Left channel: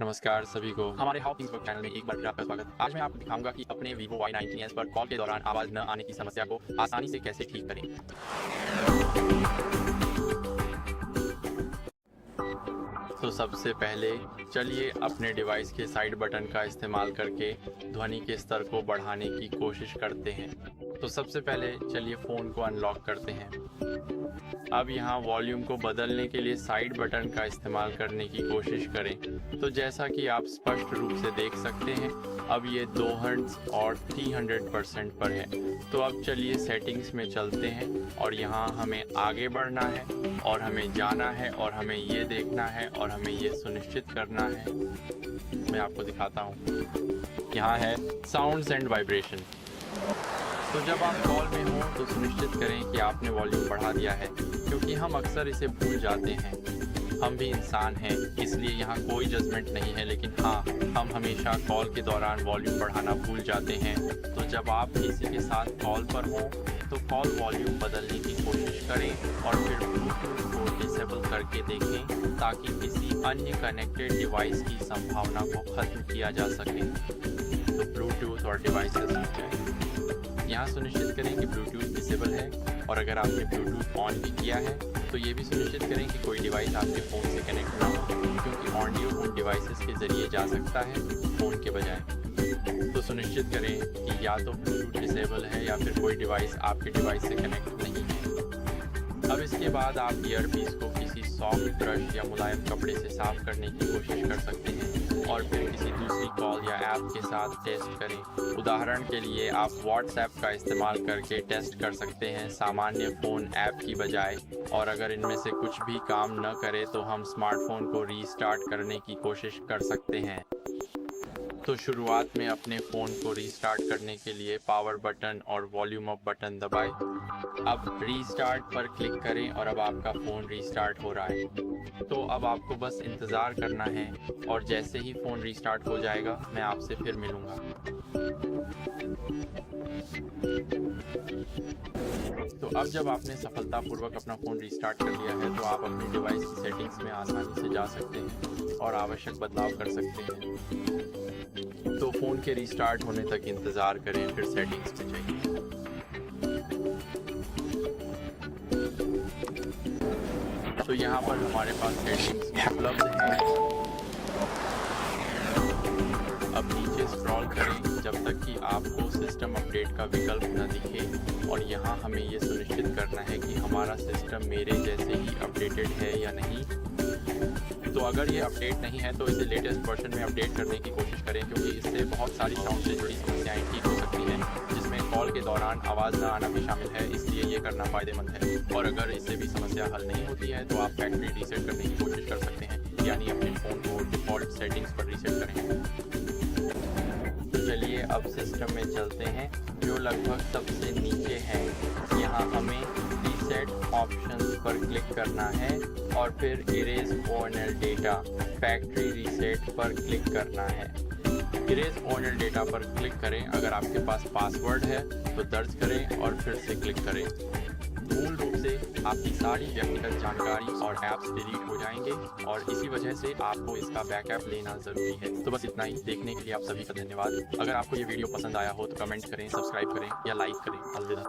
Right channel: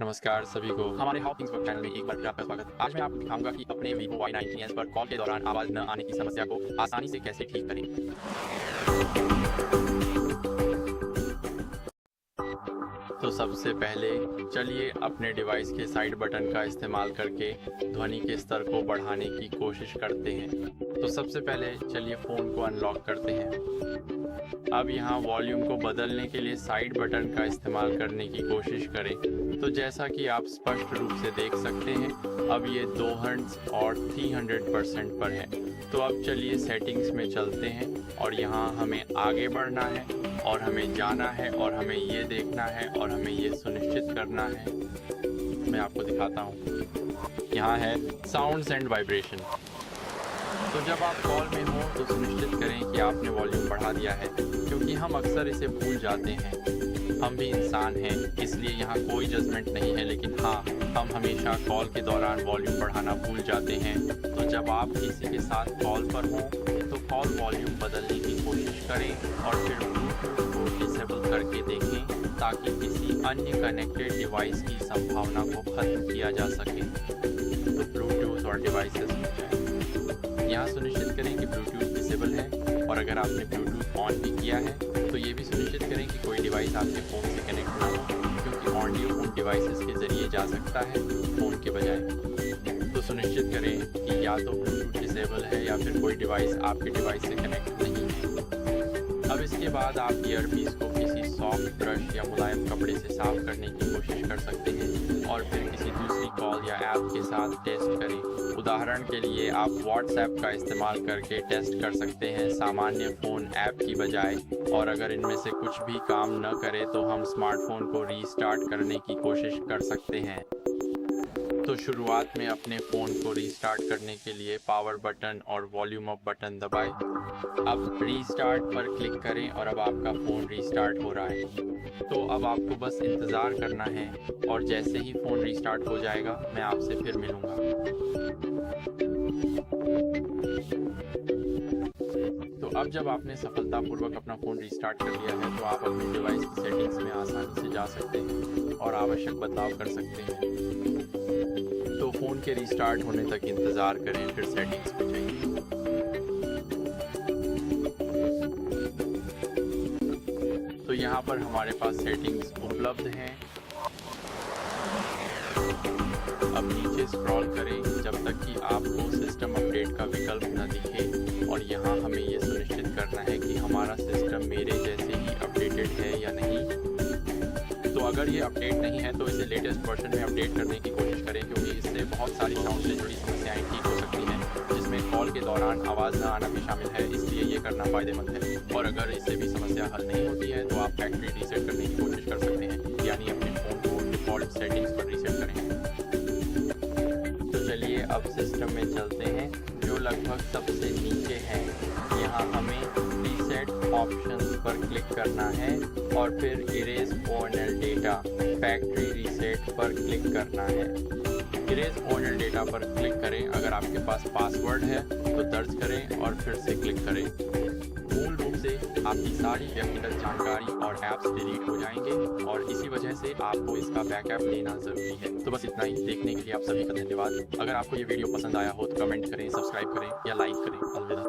नमस्कार सभी को हमारे हाउ थिंग्स वर्क चैनल में एक बार फिर आपका स्वागत। आज मैं आपको दिखाऊंगा कि अपने Vivo Y19s पर कॉल के दौरान आवाज़ न आने की समस्या को आसानी से कैसे ठीक करें। तो सबसे पहले चलिए अपने डिवाइस के साइड बटन का इस्तेमाल करके ध्वनि के स्तर को बढ़ाने की कोशिश करते हैं। तो सबसे पहले चलिए फ़ोन को अनलॉक करते हैं। अब यहाँ वॉल्यूम को बदलने के लिए साइड बटन का इस्तेमाल करने की कोशिश करें। तो जैसा कि आप स्पष्ट रूप से देख सकते हैं, अब ये 2 हर्ट्ज़ और 300% पर है। तो अब चलिए सेटिंग्स में चलते हैं और यहाँ हमें आगे बढ़ना है और हमें जाना है और हमें ये देखना है और हमें ये सुनिश्चित करना है। मैं आपको दिखाता हूँ, यहाँ है साउंड्स एंड वाइब्रेशन। तो जब आप कॉल में हों तो सुनिश्चित करें कि आपने वॉल्यूम बढ़ा दिया है, क्योंकि हम अक्सर इसे भूल जाते हैं। हम भी इंसान हैं, इसलिए यहाँ कोई जजमेंट नहीं है, लेकिन हाँ, हम हमेशा कॉल के दौरान वॉल्यूम बढ़ाना भूल जाते हैं। तो जब आप किसी के साथ कॉल पर हों तो कॉल वॉल्यूम बदलने की कोशिश करें और फिर ब्लूटूथ को डिसेबल करके देखें, ताकि किसी अन्य कनेक्टेड डिवाइस की संभावना को ख़त्म किया जा सके। तो ब्लूटूथ और डिवाइसेस हो जाए। यहाँ सुनिश्चित करें कि ब्लूटूथ डिसेबल है, और अगर आपने ब्लूटूथ ऑन भी किया है तो ये भी सुनिश्चित करें कि कोई डिवाइस आपके फ़ोन से कनेक्ट ना हो, क्योंकि ऑडियो उन डिवाइसेस के ज़रिए जा सकता है फ़ोन के बजाय। तो सुनिश्चित करें कि या तो ब्लूटूथ डिसेबल है या फिर कोई डिवाइस आपके डिवाइस से कनेक्ट नहीं है। अब इसके बाद आप ईयरपीस को किसी सॉफ्ट ब्रश या मुलायम कपड़े से साफ़ करने की कोशिश कर सकते हैं और फिर किसी दूसरी कॉल या ऐप के साथ टेस्ट करें। उदाहरण के लिए आप WhatsApp का इस्तेमाल करके टेस्ट कर सकते हैं सामान्य फ़ोन ऐप की बजाय, और अगर इनमें से कुछ भी काम न करे तो हम स्मार्टफोन को रीस्टार्ट करने की कोशिश कर सकते हैं। तो शुरुआत में अपने फ़ोन को रीस्टार्ट करने के लिए पावर बटन और वॉल्यूम अप बटन दबाएं। अब रीस्टार्ट पर क्लिक करें और अब आपका फ़ोन रीस्टार्ट हो रहा है। तो अब आपको बस इंतज़ार करना है और जैसे ही फ़ोन रीस्टार्ट हो जाएगा मैं आपसे फिर मिलूँगा। तो अब जब आपने सफलतापूर्वक अपना फ़ोन रीस्टार्ट कर लिया है तो आप अपने डिवाइस की सेटिंग्स में आसानी से जा सकते हैं और आवश्यक बदलाव कर सकते हैं। तो फ़ोन के रीस्टार्ट होने तक इंतज़ार करें, फिर सेटिंग्स पे जाइए। तो यहाँ पर हमारे पास सेटिंग्स उपलब्ध हैं। अब नीचे स्क्रॉल करें जब तक कि आपको सिस्टम अपडेट का विकल्प न दिखे, और यहाँ हमें ये सुनिश्चित करना है कि हमारा सिस्टम मेरे जैसे ही अपडेटेड है या नहीं। तो अगर ये अपडेट नहीं है तो इसे लेटेस्ट वर्जन में अपडेट करने की कोशिश करें, क्योंकि इससे बहुत सारी साउंड से जुड़ी समस्याएं ठीक हो सकती हैं, जिसमें कॉल के दौरान आवाज़ न आना भी शामिल है, इसलिए ये करना फ़ायदेमंद है। और अगर इससे भी समस्या हल नहीं होती है तो आप फैक्ट्री रीसेट करने की कोशिश कर सकते हैं, यानी अपने फ़ोन को डिफ़ॉल्ट सेटिंग्स पर रीसेट करें। तो चलिए अब सिस्टम में चलते हैं, जो लगभग सबसे नीचे है। यहाँ हमें रीसेट ऑप्शंस पर क्लिक करना है और फिर इरेज ओएनएल डेटा फैक्ट्री रीसेट पर क्लिक करना है। इरेज ओएनएल डेटा पर क्लिक करें। अगर आपके पास पासवर्ड है तो दर्ज करें और फिर से क्लिक करें। मूल रूप से आपकी सारी व्यक्तिगत जानकारी और ऐप्स डिलीट हो जाएंगे, और इसी वजह से आपको इसका बैकअप लेना ज़रूरी है। तो बस इतना ही। देखने के लिए आप सभी का धन्यवाद। अगर आपको ये वीडियो पसंद आया हो तो कमेंट करें, सब्सक्राइब करें या लाइक करें। अलविदा।